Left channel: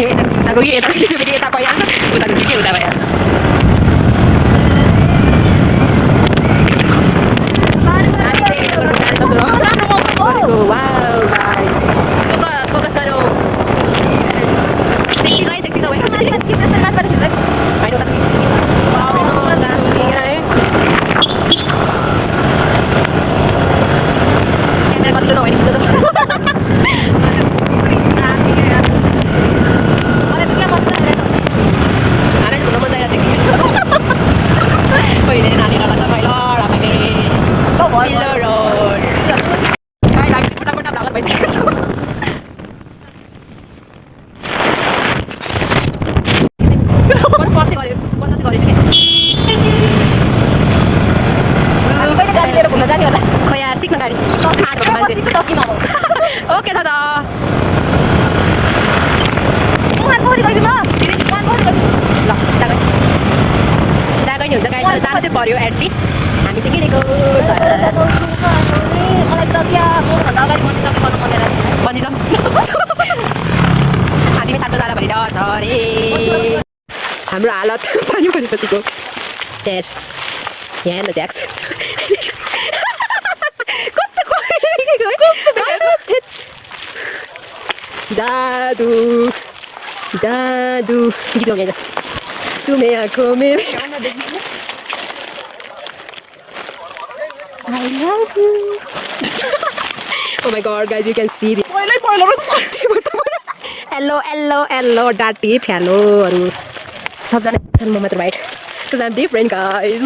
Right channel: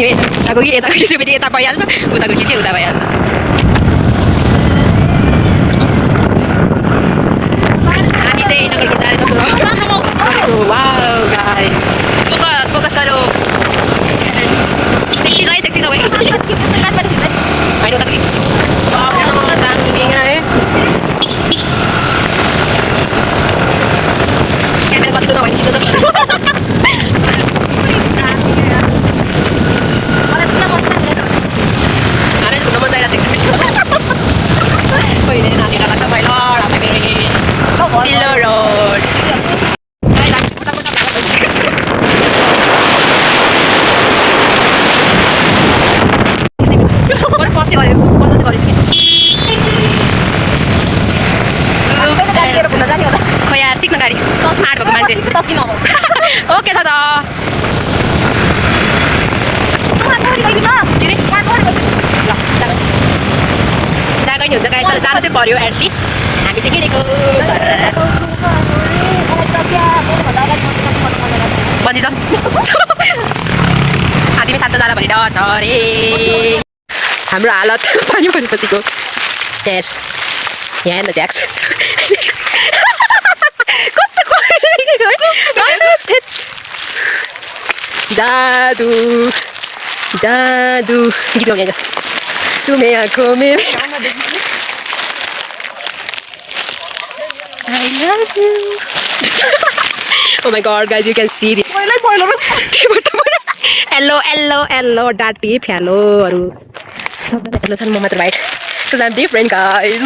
उताको कि यताको खिच्यो भने यता भइहाल्छ उताको खिच्यो उता भइहाल्छ हामी चाहिँ नगरकोट जाँदैछौँ वाउ गाइस फोकस गरौ सेक्सी छ होइन सिक्न गाडी आँट भएको मान्छे ओके छ त जागै नि हुन्छ गाडी तर जानु चाहिँ पर्यो एटलिस्ट हामी चाहिँ किनेको बन्जी छ हातीमा सात जाला भने डर छ अरे हाम्रो हालत पानी परेपछिको हेर यहाँ हेर्न ज्याक्स जादू जादू गीत गाउने आज तुम्हें आँखों में I love you oh my god guys you can see the hello डाटी फ्यालोहरू सबजना हेर्नु छन् म मात्र white because I'm different guys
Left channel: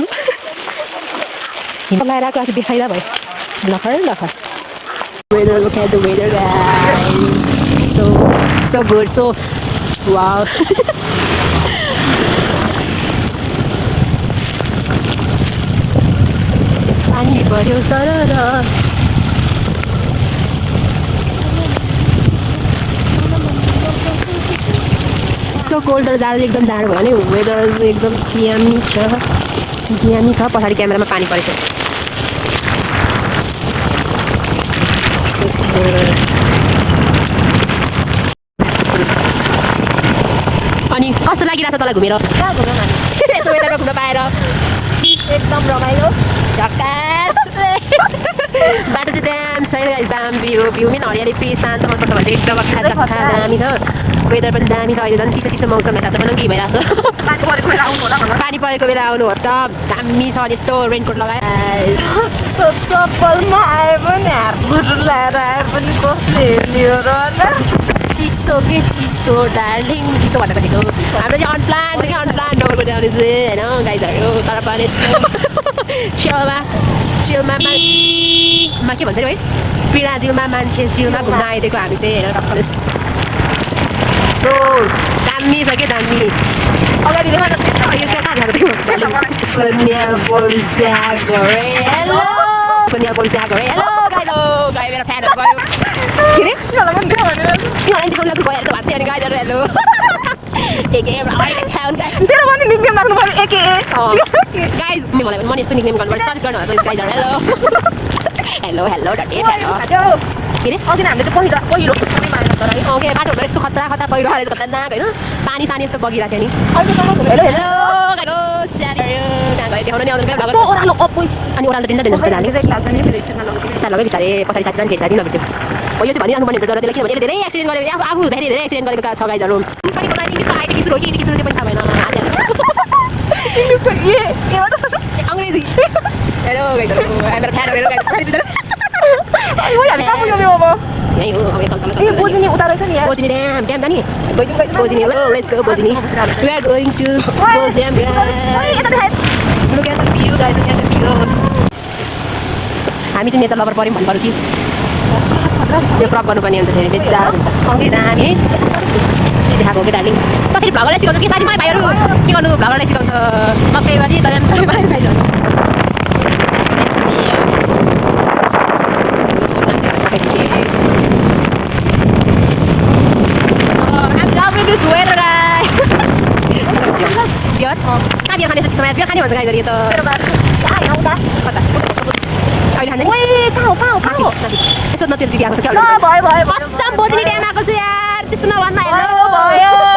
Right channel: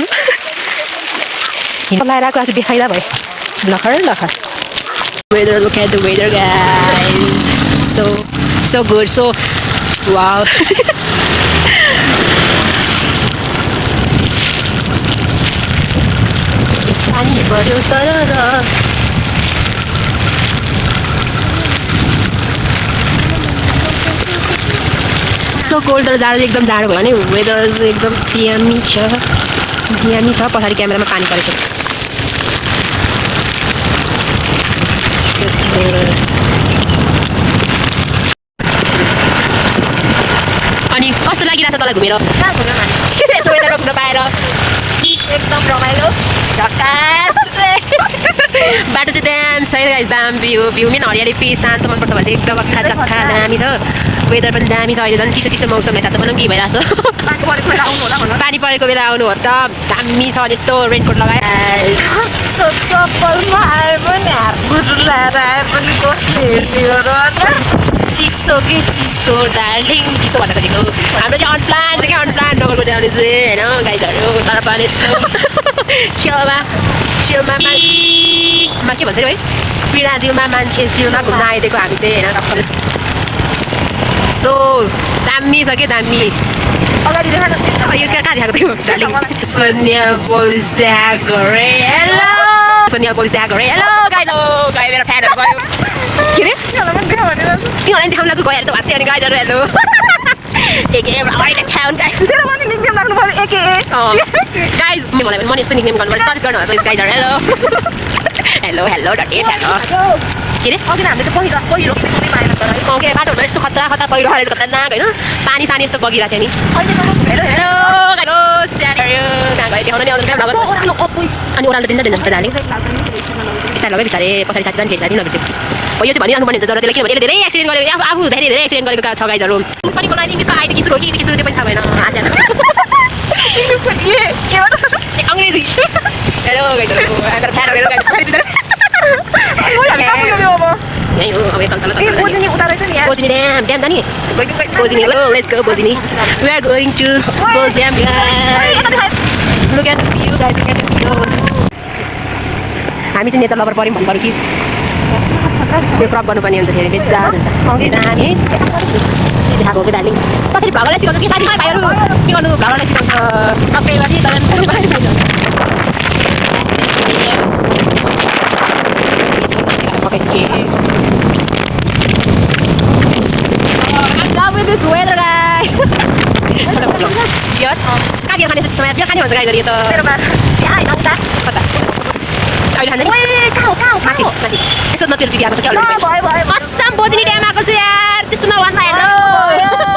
लगाएर आएको आज देखाइदा भयो लखर weather look at the weather guys so good so wow पानी पर्यो सरर so cold तर जाडो एकदम जाडो भयो भने वेदर एकदम दामी छ पछाडि क्यामेरामा पानी परेछ अनि कस्तो लागिरहेछ तँलाई घुमेर कहाँ घुम्यो मान्छे यस्तो वेदरमा घुम्न पाएर एकदम रमाइलो झकास बाटो चाहिँ दाम सही गाइस दाम भ्यू पनि हरियाली पिस शान्त मनपर्छ भने चाहिँ एकदम चक्खा दामी छ वेदर पनि दामी छ अहिले झन् चिसो मौसम यता त पनि के भइरहेछ पानी परेको बेला आउनु हो त दामी छ यस्तो रेनकोट लगाएर चप्पलमा आए पनि हातगुट लगाएर आए पनि कसले हेर्ने हो र चिसो के चिसो डार्लिङ चिसो भनेको दिएको हाम्रो चाहिँ अनप्लान डगरको जाने चाहिँ होइन गाइजहरू तर पनि यस्तो छेउमा के भन्छ है पीडा दिलमा मान्छे चिलमा घुम्न आइदिएको हामी चाहिँ होइन टक्कर सो दामी छ के दामी अगाडि यो कहाँ देखाएको थियो डार्लिङ सोनिया बोल्स देखाएको रे हेलो गाइज मेरो फ्यानहरू गयो के रे तिमीहरूलाई देखाउन लाग्यो गएर त भात अनि गाइजहरू हेलो गाइज मलाई पनि यस्तो निक्नेम गर्नुपर्छ सजेस्ट गर्नुभएको गाइजहरू हेलो डटे हेलो के रे के बाटोहरूमा यस्तो खतरा पहिरो रहेछ खतरनाक होइन पानी सानी यस्तो बगिरहेको थियो नि हेलो देखाउन नि आउँदैन अनि ओह्रालो दिन्छ डेन्जर जस्तो जाने बिस्तारै लग्यो बिस्तारै पछाडि साथी जाने भेट्छ दिनहरू हो यो चाहिँ भनिरहनु पर्ने हुन्छ जरुरत किनभने यसले धेरै एक्सिडेन्ट गरेको आफू धेरै एक्सिडेन्ट गरेको छ गाइजहरू शनिको लागि इङ्ग्लिसको आइदियो किसुरो त्यो पनि थाहा भएन अङ्ग्रेजी हेलो गाइजहरू मेरो फ्यानहरू यही हो अब यता बोजिनी ड्याम जाने बोजिनी लो let's go Bojini we are going to Boj dam guys look at the view guys look at the views हामी चाहिँ नेचर लभर पर्यौँ भन्नु कि यो क्रप गर्नुपर्ने हुन्छ फेरि बेच्चा अघि हामी देखाएको हो कि डार्लिङ कसरी भ्लगरलाई सिकाउँछ कि साथी भाइहरू के गर्नु भ्लगरलाई सिकाउँछ मकै गरी तर this weather guys biar kan biar खाने समय बियर खाने भन्छ गाइजहरु यो त कता अहिले खाने माथि यसो नतिर दिदी आएको छ के कसम बोजिनी ड्याम आएको छु यार त्यस्तो नभन्न हेलो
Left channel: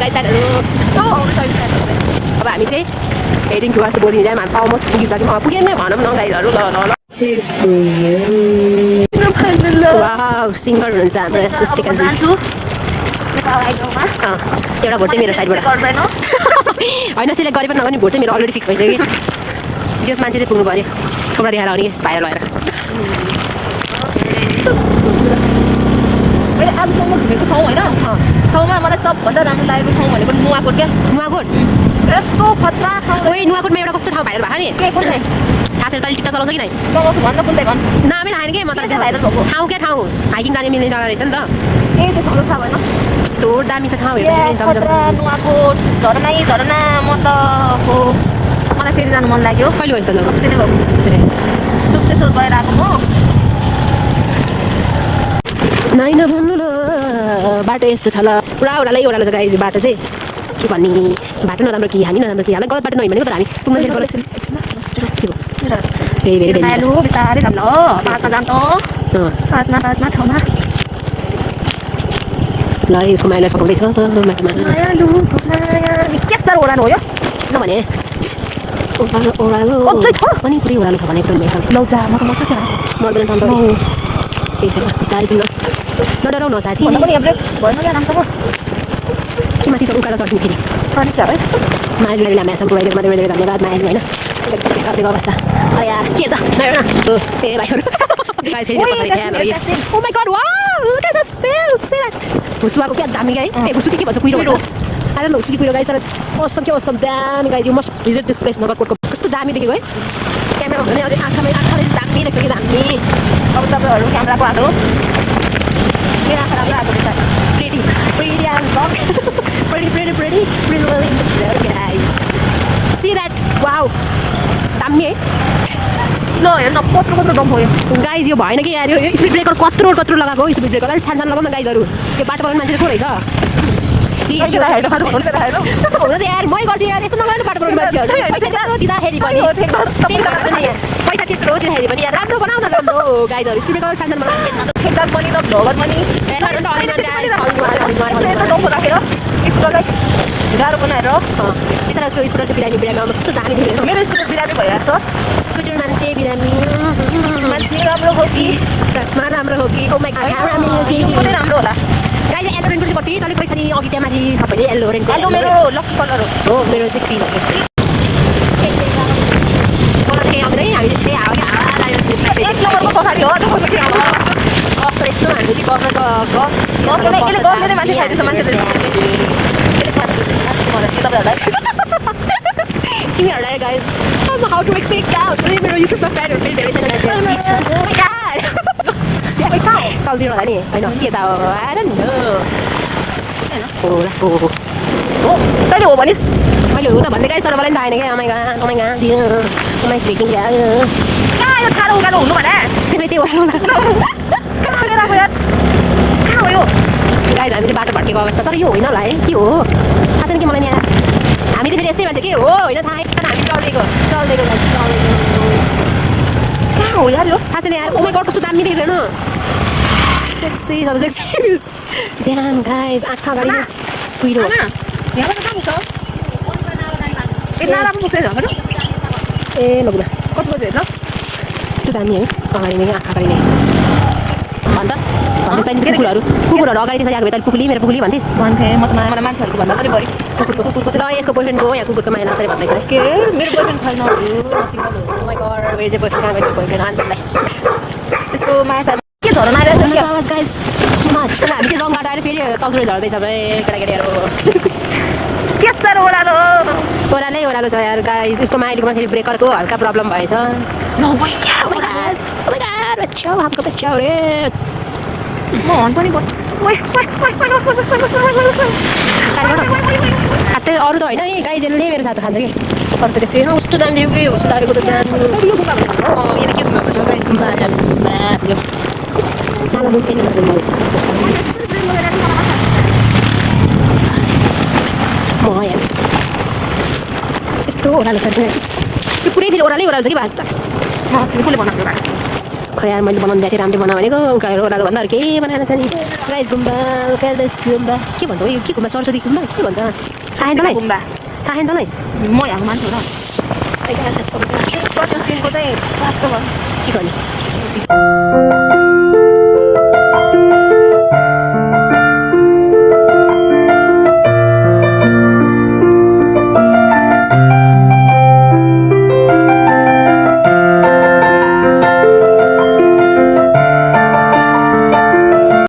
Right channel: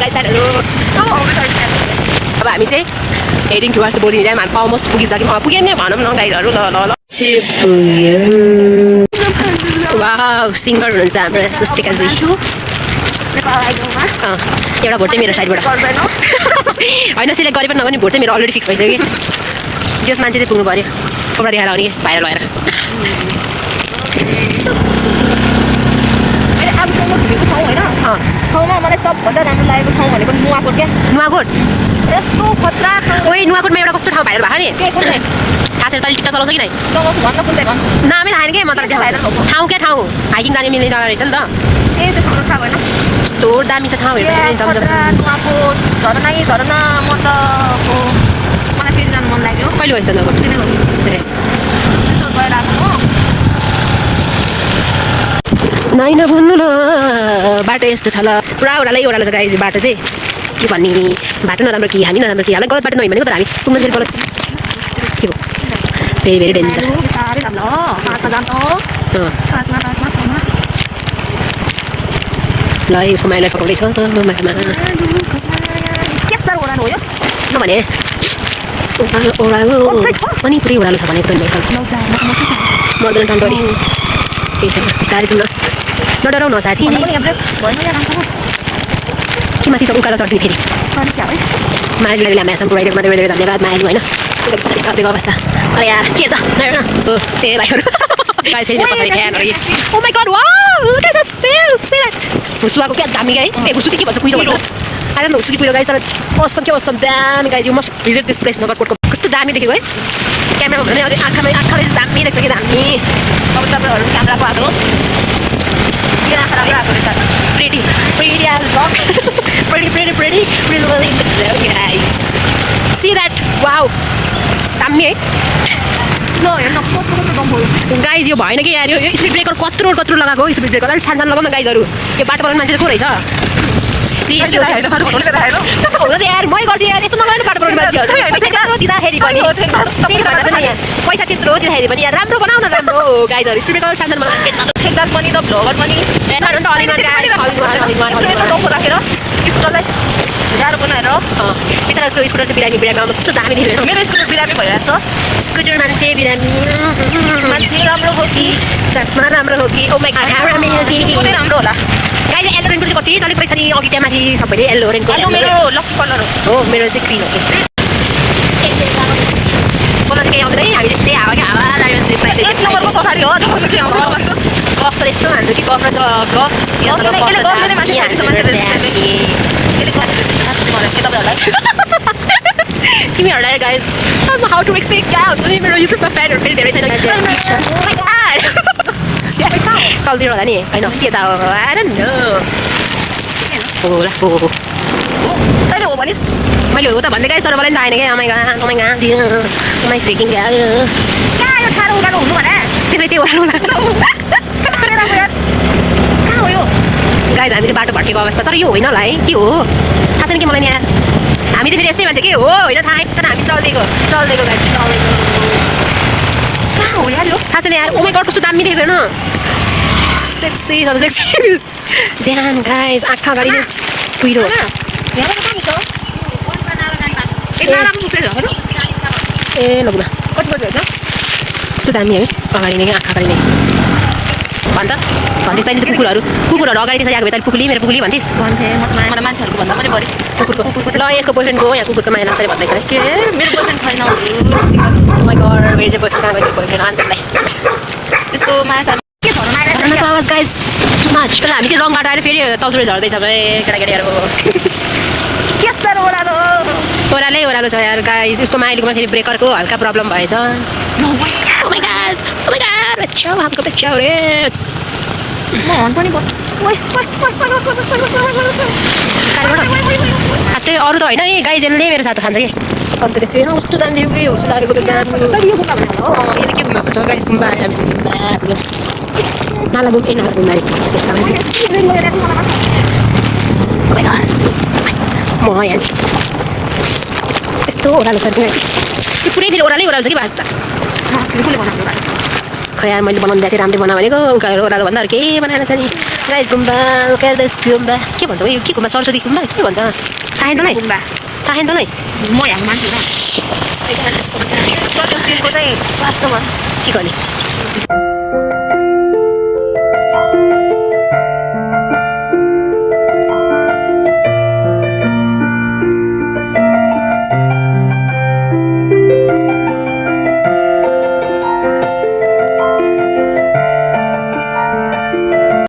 गाइस साइडहरु अब हामी चाहिँ heading towards the boarding dam हामी अलमोस्ट पुगिसक्यौँ पुगेमै भनौँ न गाइडहरु ल वाउ सिङ्गर हुनुहुन्छ हाम्रो सुस्तिकाजी एउटा भोट चाहिँ मेरो साइडबाट होइन सिलेक्ट गरे पनि नगर्ने भोट चाहिँ मेरो अलरेडी फिक्स भइसक्यो जस मान्छे चाहिँ पुग्नु पऱ्यो थोप्रा देखाएर आउने भाइरल भएर अब ठाउँमा घुमेको ठाउँ होइन ठाउँमा मलाई सबभन्दा राम्रो लागेको ठाउँ भनेको नुवाकोट क्या नुवाकोट यस्तो खतरा ओइ नुवाकोटमा एउटा कस्तो ठाउँ भाइरल भएको नि कुन चाहिँ थाहा छैन तैँले टिकटक चलाउँछ कि नै लगाउँछु भन्न कुन चाहिँ भन् नामै थाहा छैन कि म तँलाई देखाउँछु ठाउँ क्या ठाउँ हाइकिङ जाने मिल्ने जग्गा रहेछ नि त ए त्यो ठाउँको थाहा भएन कस्तो दामी छ ठाउँ हेर्दाखेरि जमजम नुवाकोट झरना झरना म त मलाई फेरि जानु मन लाग्यो कहिले गइन्छ नुवाकोट त्यसो गएर आएको म नाइ नभन्नु ल बाटो यस्तो छ ल पुरा ओह्रालो छ गाइज बाटो चाहिँ के भन्ने बाटो नराम्रो कि हामी नराम्रो कि हामीलाई गलत बाटो नभइ भनेको तर हामी पुग्न फेरि गलत के भयो भेरी भेरी डेन्जर बिस्तारै जाम ल पाँचमा जाम त पाँचमा ठाउँमा ल यसको माइलाई पकाउँदैछ माटामा के साह्रो ओह्रालो हो यो भने ओह्रालो पनि पुरै ओह्रालो छ भने एकदम मर्दैन टन्टरी केही छैन बिस्तारै जाउँ न नडराउ न साथी के माथि छ उकालो चढ्ने फेरि माइलीलाई हामीसँग पुऱ्याइदिएको मात्रै धेरै धन्यवाद माइली होइन पछाडि सर्दिएको अवस्था अरे यार के छ ए भाइहरू फेरि मेरो पछाडि फ्यानहरू oh my god wow look at the fail see that हुसुवाको क्या दामी गाई ए हुसु के भन्छ कुहिरो भन्छ आई डोन्ट नो हुसु कुहिरो गाई तर awesome के awesome दामी गाई you must visit this place नगरकोटको कस्तो दामी देखेको है क्यामेरामा भने अझै आँखाले दामी देख्छ कि दामी अब तपाईँहरू क्यामेराको आएको के आँखा राम्रो आएको रहेछ pretty as fuck pretty really guys see that wow दामी है ल हेर्न कस्तो दम भयो गाइज यो भएन कि यार यो स्पिड ब्रेकर कत्रो लगाएको स्पिड ब्रेकर अलिक सानो लगाउन गाइजहरू यो बाटो बनाउने मान्छे चाहिँ को रहेछ प्लिज यो हुन त यार मै गर्छु यार यस्तो नगर्नु बाटो बनाउने मान्छेहरू पैसा त्यत्रो दिँदाखेरि पनि त्यही भन्न चाहिँ यहाँ पैसा त्यत्रो दिँदाखेरि पनि यार राम्रो बनाउन राम्रो गाइजहरू स्पिड ब्रेकर सानो ठेक्दार पनि त भ्लगर पनि त अलिक गाइज राखेर स्कुटरलाई गाह्रो बनाएर बिचरा उसको स्कुटर त्यो बिरामी आउनु कस्तो दामी देख्यो मेरो स्कुटर बिरामी भइरहेको छ स्कुटर मान्छे बिरामी मान्छे राम्रो हो कि चस्मा राम्रो हो कि ओ माई गॉड राम्रो हो कि राम्रो होला गाइज एल्लो रेनको चाहिँ कति चलेको रहेछ नि अघि त्यहाँ माथि सबैले एल्लो रेनको मेरो लकी कलर हो मेरो चाहिँ क्रिम हो कि कलर केही आउँदैन है हामी त्यस्तै हावा कि हावा एक नम्बरको पछाडि हो गफ त यस्तो हान्छु कि गफ र गफ तिमीहरूलाई guys how to expect cows मेरो युट्युबमा फ्यानहरू फेरि धेरै छैन कलतिर होला नि होइन के त हो होला हो तैँले हो भनिस् मैले हो त भन्दै गाइस तर मलाई पनि थाहा छैन क्या अमाइ फ्रिकिङ कहाँ यो ठाडो उडालो हुनु भने त्यसलाई त्यही ओह्रालो होला कहाँ हो यो गाइस हामी चाहिँ बाटो भट्केको अवस्था तर यो होइन होला है के हो थाहा छैन कि मलाई यहाँ हामी चाहिँ फेरि यस्तै मान्छे के हो होइन थाहा छैन हामी चल्देको गाइस चल्देको कहाँ हो यार यो थाहा छैन यार ओ माई गड कस्तो दामी देखेको हेर्नु सेक्सी ध्यान गाइस आँखा अगाडि नै कुहिरो ए लगुमा कति बजी होइन कस्तो दामी है अगाडि नै आँखा अगाडि नै भन्दा भन्दै तैँले कुकुरहरू अगाडि त्यसरी आएको भए तैँले पुगली मेरो पुगली भन्थिस् मलाई मान्छेहरूको भन्दा पनि बढी कुकुरको ल यसको बोयफ्रेन्डको यहाँ कुकुरको माया लाग्छ भन्दैछ के मेरो बोयफ्रेन्ड छैन माई गड मेरो चाहिँ बोयफ्रेन्ड कहाँ गयो बोयफ्रेन्ड आन्तलाई त्यस्तो माया के झर्ना आमाको आवाज गाइस टु मच तर हामी चाहिँ रङ बाटो आएर फेरि तलतिर झर्दैछ भाइ केटाकेटीहरू के साह्रो ओह्रालो ओह्रालो छ यार गाइस उसको माइलीकोमा फेरि ब्रेकरको हल्का प्रब्लम भएछ ओ माई गॉड बच्चा हमको बच्चा रे म हन पनि केही अरू त होइन है गाइजहरूले मेरो साथ खान्छ कि अन्त त्यस्तो होइन कस्तो दामी देख्यो कि हुसु लागेको त यहाँ के घुमाएको छ गाइस घुम्पा मलाई म यहाँ यस्तो ओह्रालो छ त्यो पुरै फेरि ओह्रालै छ कि भात खै यार मैले बनाउनु दिएको थिएँ राम्रै बनाऊ भनेको उकालो ओह्रालो भन्दा अरू केही बनाएन छ नि गाइस गुम्बा उकालो गुम्बा के भन्छ यो के गुम्बा सरस्वती गुम्बा के भन्छ थाहा तँलाई गुम्बा थाहा तँलाई म यहाँ मान्छे र के गर्ने